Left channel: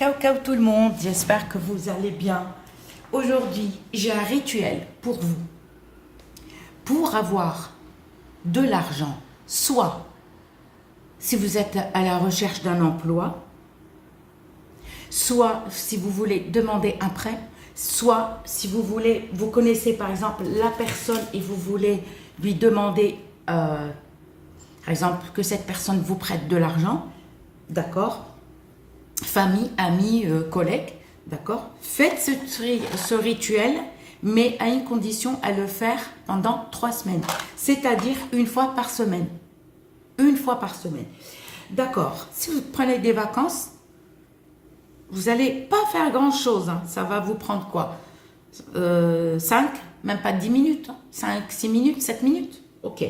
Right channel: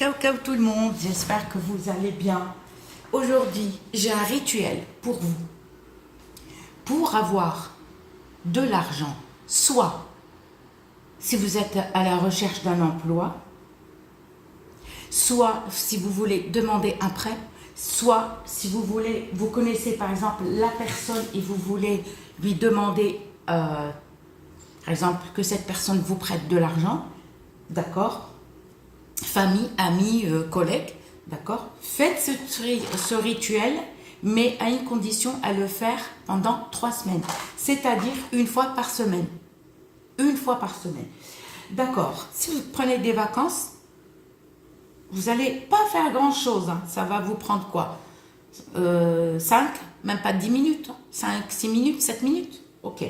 Ciao tout le monde, j'espère que vous allez bien. Aujourd'hui, j'ai un rituel pour vous. Pour avoir de l'argent, soit si vous êtes à la recherche d'un emploi, soit si vous voulez demander un prêt, soit si vous voulez, vous connaissez par exemple la personne et vous voulez lui demander, par exemple, que cette personne vous prête de l'argent, d'accord? Famille, amis, collègues, d'accord? Faites ce rituel, mais à une condition, à le faire pendant 3 semaines, c'est-à-dire une fois par semaine. Une fois par semaine. D'accord. Si vous prenez des vacances, vous n'allez pas faire grand-chose. Hein. Ça va vous prendre quoi 5, même pas 10 minutes. 5, 6 minutes, 7 minutes. Ok.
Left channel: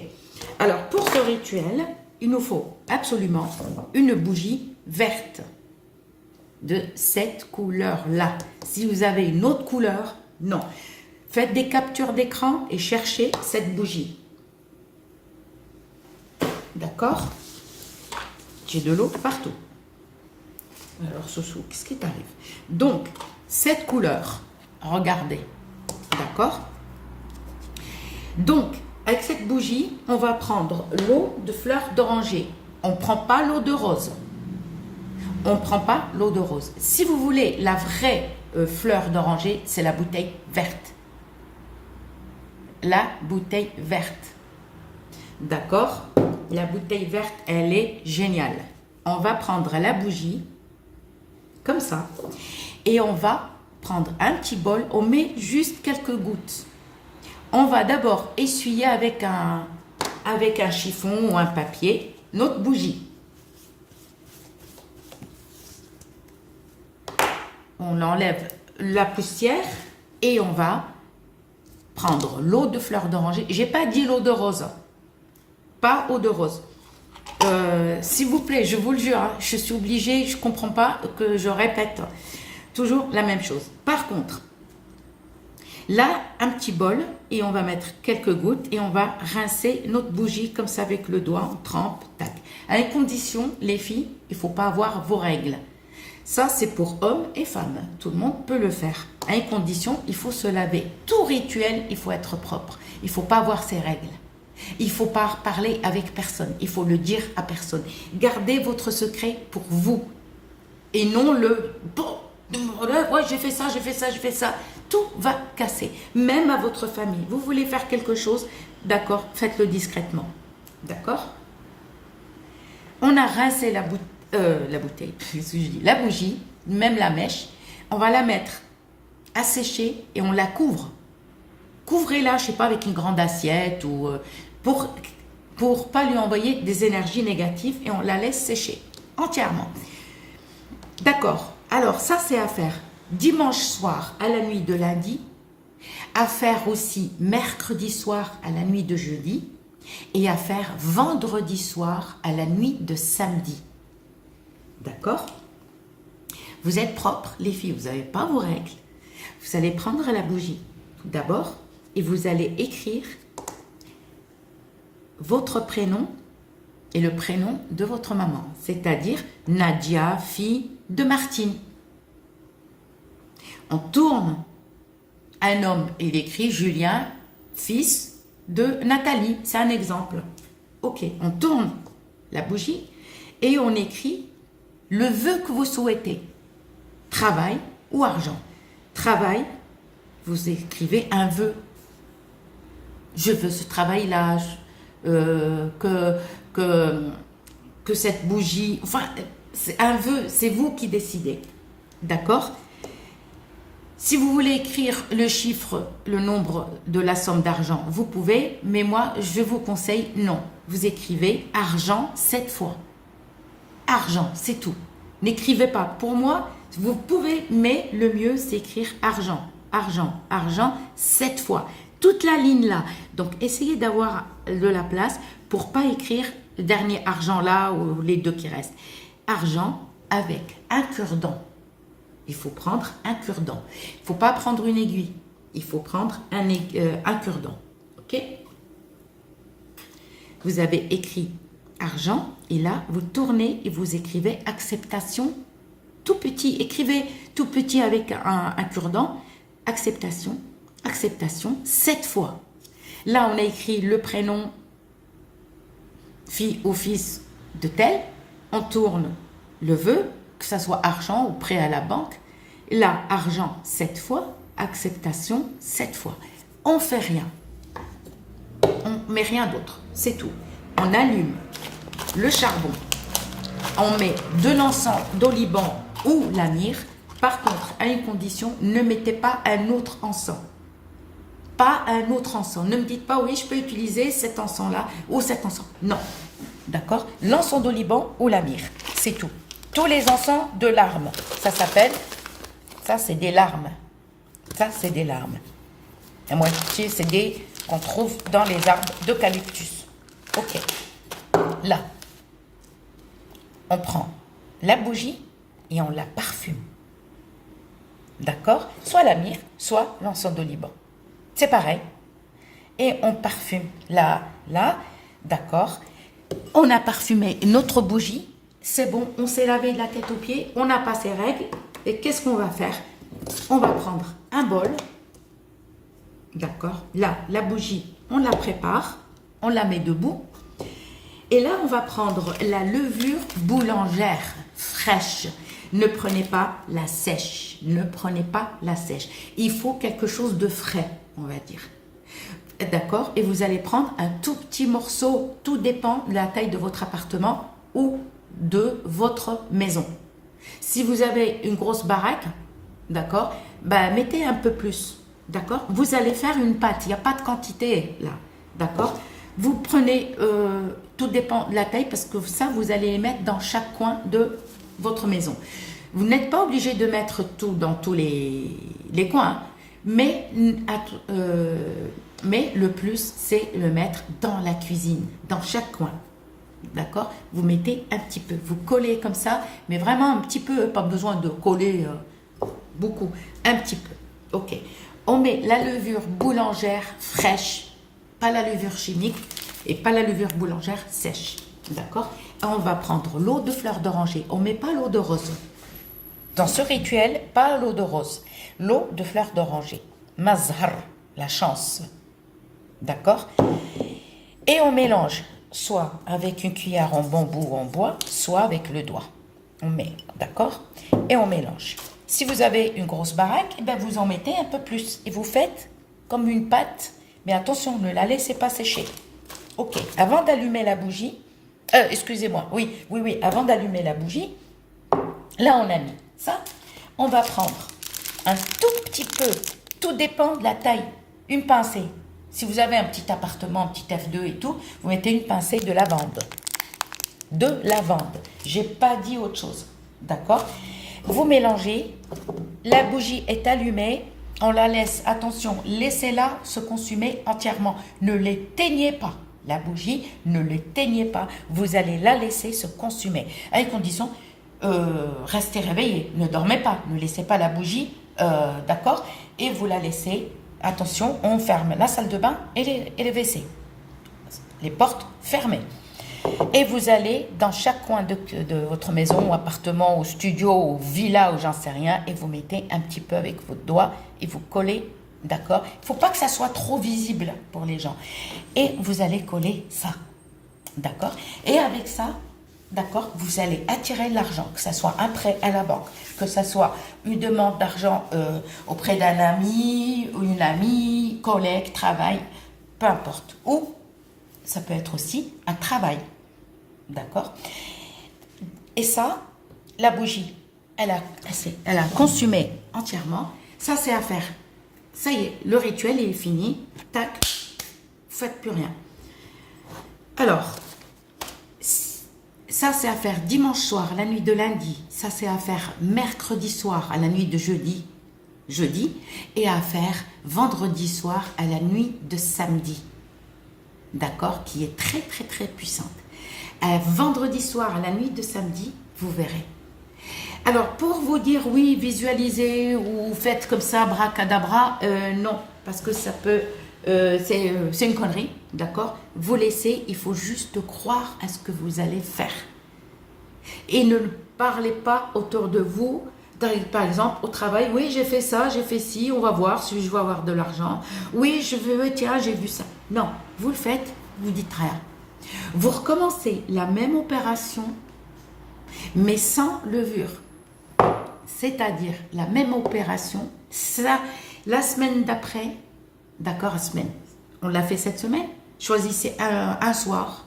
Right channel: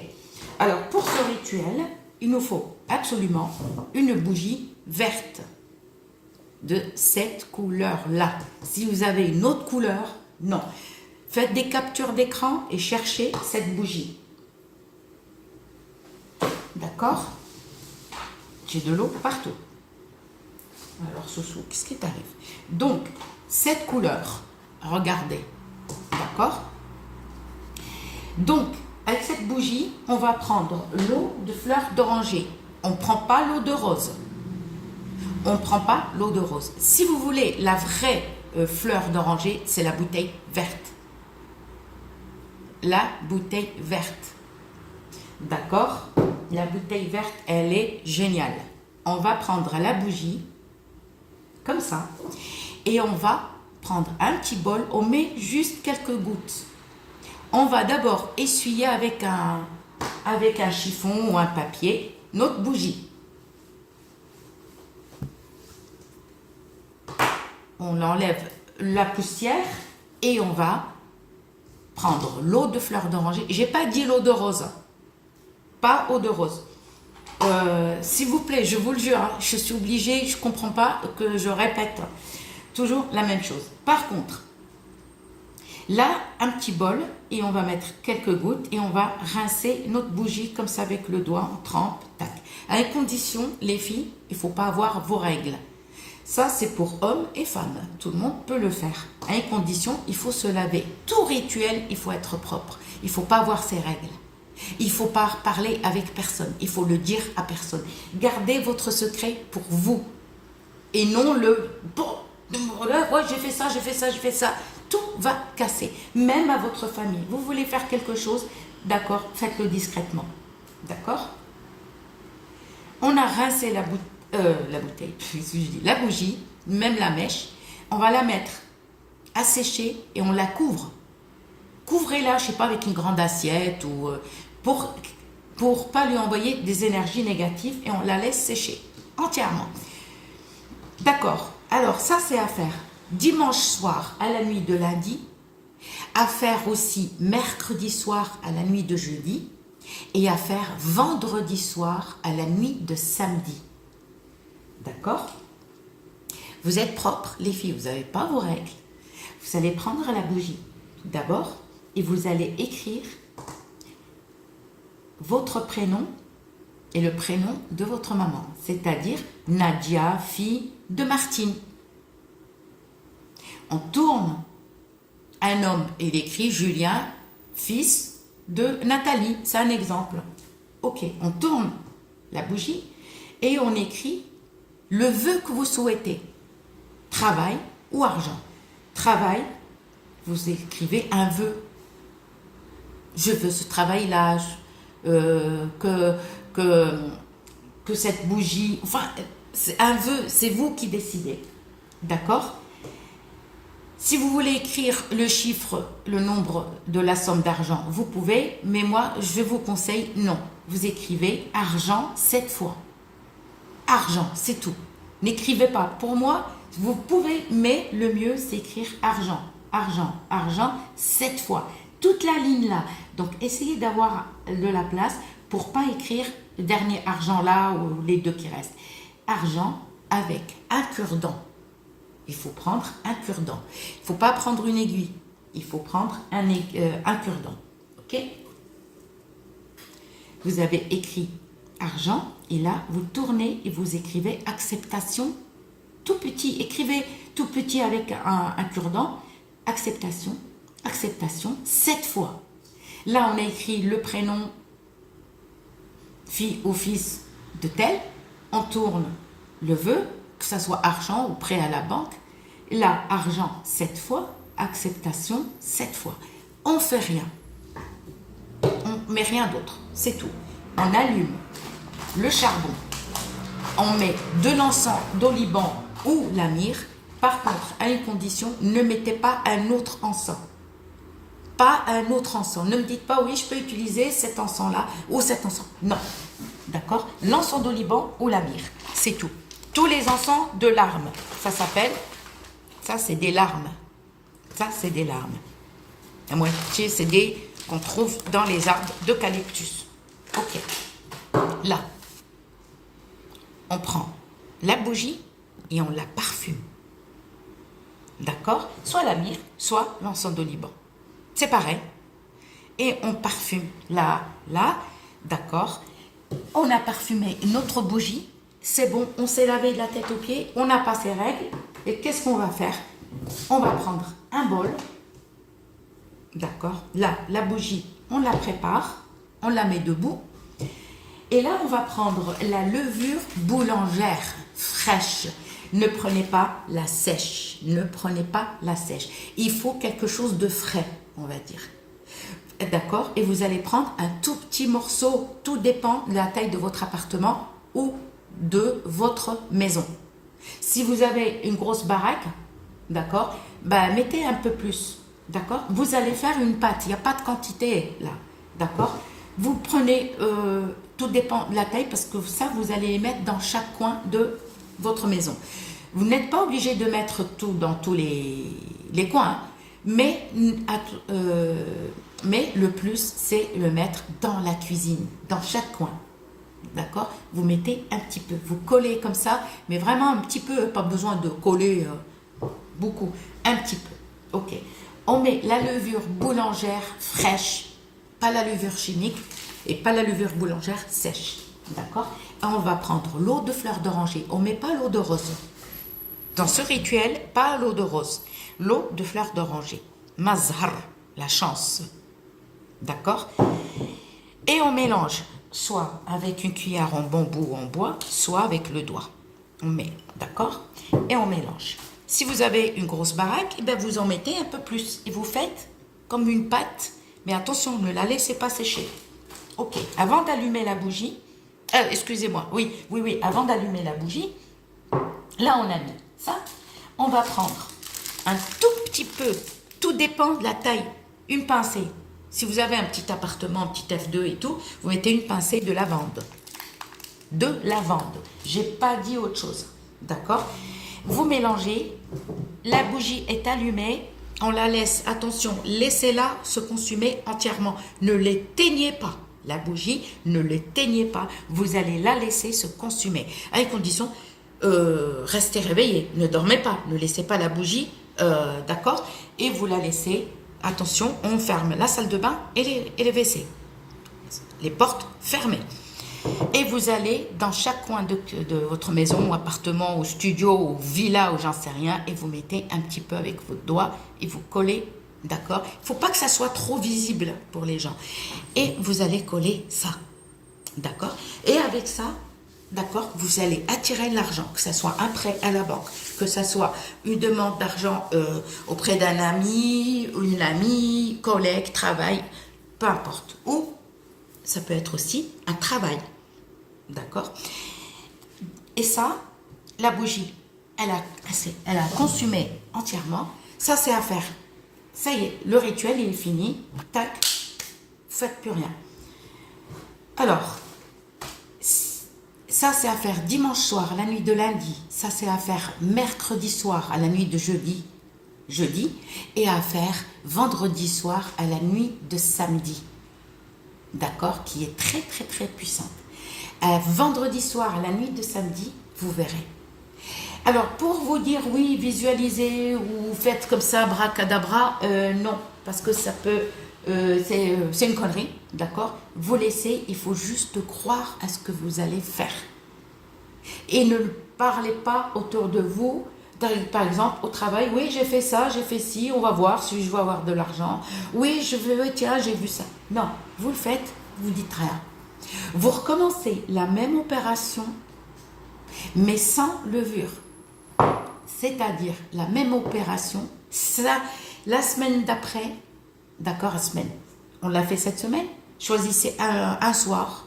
Alors, pour ce rituel, il nous faut absolument une bougie verte de cette couleur-là. Si vous avez une autre couleur, non. Faites des captures d'écran et cherchez cette bougie. D'accord? J'ai de l'eau partout. Alors, Soussou, qu'est-ce qui t'arrive? Donc, cette couleur, regardez. D'accord? Donc, avec cette bougie, on va prendre l'eau de fleur d'oranger. On ne prend pas l'eau de rose. On ne prend pas l'eau de rose. Si vous voulez la vraie fleur d'oranger, c'est la bouteille verte. La bouteille verte. D'accord? La bouteille verte, elle est géniale. On va prendre la bougie, comme ça, et on va prendre un petit bol, on met juste quelques gouttes. On va d'abord essuyer avec un chiffon ou un papier notre bougie. On enlève la poussière et on va prendre l'eau de fleur d'oranger. J'ai pas dit l'eau de rose. Pas eau de rose. S'il vous plaît, je vous le jure, hein, je suis obligée, je ne comprends pas que je répète toujours la même chose. Par contre, là, un petit bol et on va mettre quelques gouttes et on va rincer notre bougie comme ça avec le doigt, on trempe, tac. À une condition, les filles, il ne faut pas avoir vos règles. Ça, c'est pour hommes et femmes. Tout le monde peut le faire. À une condition, il faut se laver. Tout rituel, il faut être propre. Il ne faut pas avoir ses règles. Il ne faut pas parler avec personne. Il faut le dire à personne. Gardez votre secret pour vous. Et non le... Bon, ouais, j'ai fait ça, j'ai fait ça, j'ai fait ça. Tout va casser. Même à votre famille. Vous voulez faire quelque chose, d'accord, faites-le discrètement. D'accord? On a rincé la bouteille, la bougie, même la mèche. On va la mettre à sécher et on la couvre. Couvrez-la, je ne sais pas, avec une grande assiette ou pour pas lui envoyer des énergies négatives et on la laisse sécher entièrement. D'accord. Alors ça c'est à faire dimanche soir à la nuit de lundi, à faire aussi mercredi soir à la nuit de jeudi et à faire vendredi soir à la nuit de samedi. D'accord? Vous êtes propres, les filles, vous n'avez pas vos règles. Vous allez prendre la bougie tout d'abord et vous allez écrire votre prénom et le prénom de votre maman, c'est-à-dire Nadia, fille de Martine. On tourne un homme et il écrit Julien, fils de Nathalie, c'est un exemple. Ok, on tourne la bougie et on écrit le vœu que vous souhaitez, travail ou argent. Travail, vous écrivez un vœu. Je veux ce travail-là, que cette bougie, enfin, c'est un vœu, c'est vous qui décidez. D'accord? Si vous voulez écrire le chiffre, le nombre de la somme d'argent, vous pouvez, mais moi, je vous conseille non. Vous écrivez argent 7 fois. Argent, c'est tout. N'écrivez pas. Pour moi, vous pouvez, mais le mieux, c'est écrire argent, argent, argent 7 fois. Toute la ligne là. Donc, essayez d'avoir de la place pour pas écrire le dernier argent là ou les deux qui restent. Argent avec un cure-dent. Il faut prendre un cure-dent. Il ne faut pas prendre une aiguille. Il faut prendre un cure-dent. Ok? Vous avez écrit argent et là, vous tournez et vous écrivez acceptation tout petit, écrivez tout petit avec un cure-dent, acceptation, acceptation, 7 fois. Là, on a écrit le prénom, fille ou fils de tel, on tourne le vœu, que ce soit argent ou prêt à la banque. Là, argent 7 fois, acceptation 7 fois. On ne fait rien. On ne met rien d'autre, c'est tout. On allume le charbon. On met de l'encens d'oliban ou la myrrhe. Par contre, à une condition, ne mettez pas un autre encens. Pas un autre encens. Ne me dites pas, oui, je peux utiliser cet encens-là ou cet encens. Non. D'accord? L'encens d'oliban ou la myrrhe. C'est tout. Tous les encens de larmes. Ça s'appelle... Ça, c'est des larmes. Ça, c'est des larmes. La moitié, c'est des qu'on trouve dans les arbres d'eucalyptus. Ok. Là, on prend la bougie et on la parfume. D'accord? Soit la myrrhe, soit l'encens d'oliban. C'est pareil. Et on parfume là, d'accord? On a parfumé notre bougie. C'est bon, on s'est lavé de la tête aux pieds. On n'a pas ses règles. Et qu'est-ce qu'on va faire? On va prendre un bol. D'accord? Là, la bougie, on la prépare. On la met debout. Et là, on va prendre la levure boulangère fraîche. Ne prenez pas la sèche. Ne prenez pas la sèche. Il faut quelque chose de frais, on va dire. D'accord? Et vous allez prendre un tout petit morceau. Tout dépend de la taille de votre appartement ou de votre maison. Si vous avez une grosse baraque, d'accord, ben, mettez un peu plus. D'accord? Vous allez faire une pâte. Il n'y a pas de quantité là. D'accord? Vous prenez, tout dépend de la taille parce que ça, vous allez les mettre dans chaque coin de votre maison. Vous n'êtes pas obligé de mettre tout dans tous les coins, hein, mais le plus, c'est le mettre dans la cuisine, dans chaque coin. D'accord? Vous mettez un petit peu, vous collez comme ça, mais vraiment un petit peu, pas besoin de coller beaucoup, un petit peu. Ok. On met la levure boulangère fraîche, pas la levure chimique et pas la levure boulangère sèche. D'accord? Et on va prendre l'eau de fleur d'oranger. On ne met pas l'eau de rose. Dans ce rituel, pas l'eau de rose. L'eau de fleur d'oranger. Mazhar, la chance. D'accord? Et on mélange soit avec une cuillère en bambou ou en bois, soit avec le doigt. On met, d'accord? Et on mélange. Si vous avez une grosse baraque, eh bien vous en mettez un peu plus. Et vous faites comme une pâte. Mais attention, ne la laissez pas sécher. Ok, avant d'allumer la bougie, excusez-moi, oui, avant d'allumer la bougie, là on a mis ça. On va prendre un tout petit peu, tout dépend de la taille, une pincée. Si vous avez un petit appartement, un petit F2 et tout, vous mettez une pincée de lavande. De lavande. J'ai pas dit autre chose. D'accord? Vous mélangez. La bougie est allumée. On la laisse, attention, laissez-la se consumer entièrement. Ne l'éteignez pas. La bougie, ne l'éteignez pas. Vous allez la laisser se consumer. À une condition, restez réveillé. Ne dormez pas. Ne laissez pas la bougie, d'accord? Et vous la laissez. Attention, on ferme la salle de bain et les WC. Les portes fermées. Et vous allez dans chaque coin de votre maison ou appartement ou studio ou villa ou j'en sais rien et vous mettez un petit peu avec votre doigt et vous collez, d'accord? Il ne faut pas que ça soit trop visible pour les gens. Et vous allez coller ça, d'accord? Et avec ça, d'accord, vous allez attirer l'argent, que ce soit un prêt à la banque, que ce soit une demande d'argent auprès d'un ami, ou une amie, collègue, travail, peu importe. Ou ça peut être aussi un travail, d'accord? Et ça, la bougie, elle a consumé entièrement. Ça, c'est à faire. Ça y est, le rituel, il est fini. Tac, vous faites plus rien. Alors, ça, c'est à faire dimanche soir, la nuit de lundi. Ça, c'est à faire mercredi soir, à la nuit de jeudi. Et à faire vendredi soir, à la nuit de samedi. D'accord? Qui est très, très, très puissante. Vendredi soir, à la nuit de samedi, vous verrez. Alors, pour vous dire, oui, visualisez ou faites comme ça, bracadabra, non. Parce que ça peut... c'est une connerie, d'accord? Vous laissez, il faut juste croire à ce que vous allez faire. Et ne parlez pas autour de vous. Par exemple, au travail, oui, j'ai fait ça, j'ai fait ci, on va voir si je vais avoir de l'argent. Oui, je veux, tiens, j'ai vu ça. Non, vous le faites, vous dites rien. Vous recommencez la même opération, mais sans levure. C'est-à-dire la même opération, ça, la semaine d'après, d'accord, la semaine, on l'a fait cette semaine, choisissez un soir,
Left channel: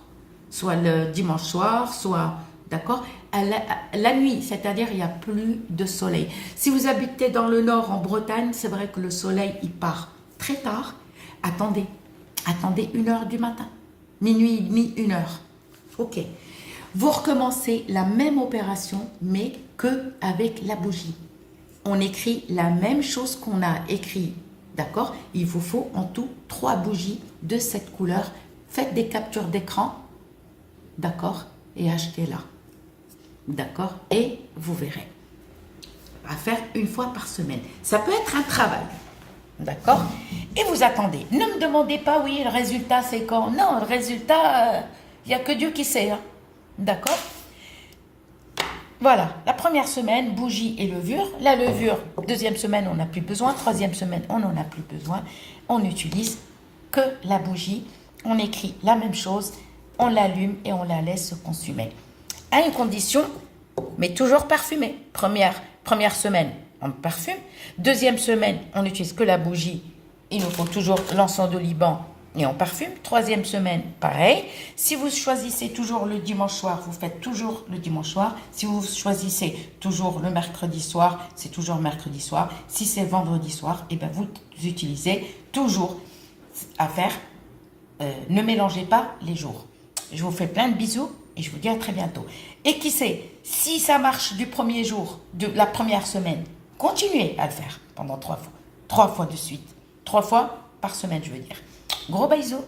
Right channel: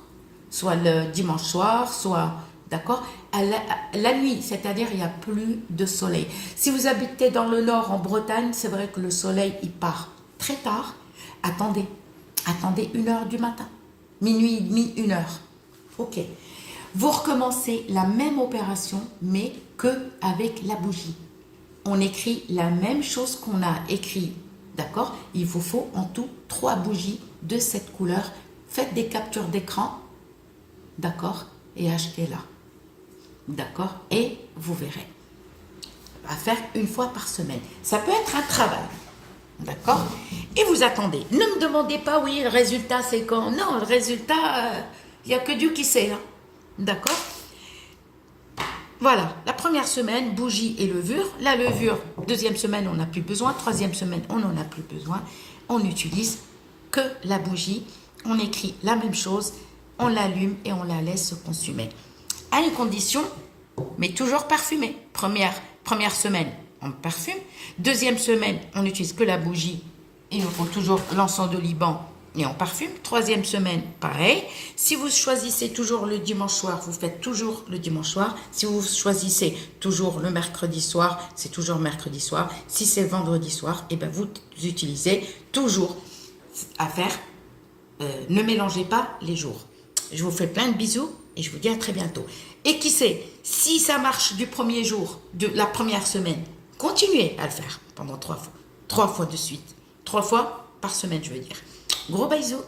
soit le dimanche soir, soit, d'accord, la nuit, c'est-à-dire il n'y a plus de soleil. Si vous habitez dans le nord, en Bretagne, c'est vrai que le soleil, il part très tard. Attendez 1h du matin, minuit et demi, 1h. Ok. Vous recommencez la même opération, mais que avec la bougie. On écrit la même chose qu'on a écrit, d'accord? Il vous faut en tout 3 bougies de cette couleur. Faites des captures d'écran, d'accord? Et achetez-la, d'accord? Et vous verrez. À faire une fois par semaine. Ça peut être un travail, d'accord? Et vous attendez. Ne me demandez pas, oui, le résultat c'est quand? Non, le résultat, il n'y a que Dieu qui sait, hein. D'accord? Voilà, la première semaine, bougie et levure. La levure, deuxième semaine, on n'a plus besoin. Troisième semaine, on n'en a plus besoin. On n'utilise que la bougie. On écrit la même chose, on l'allume et on la laisse se consumer. À une condition, mais toujours parfumée. Première semaine, on parfume. Deuxième semaine, on n'utilise que la bougie. Il nous faut toujours l'encens de Liban et on parfume. Troisième semaine, pareil. Si vous choisissez toujours le dimanche soir, vous faites toujours le dimanche soir. Si vous choisissez toujours le mercredi soir, c'est toujours mercredi soir. Si c'est le vendredi soir, et ben vous utilisez toujours à faire. Ne mélangez pas les jours. Je vous fais plein de bisous et je vous dis à très bientôt. Et qui sait, si ça marche du premier jour, de la première semaine, continuez à le faire pendant 3 fois. 3 fois de suite. 3 fois par semaine, je veux dire. Gros bisous.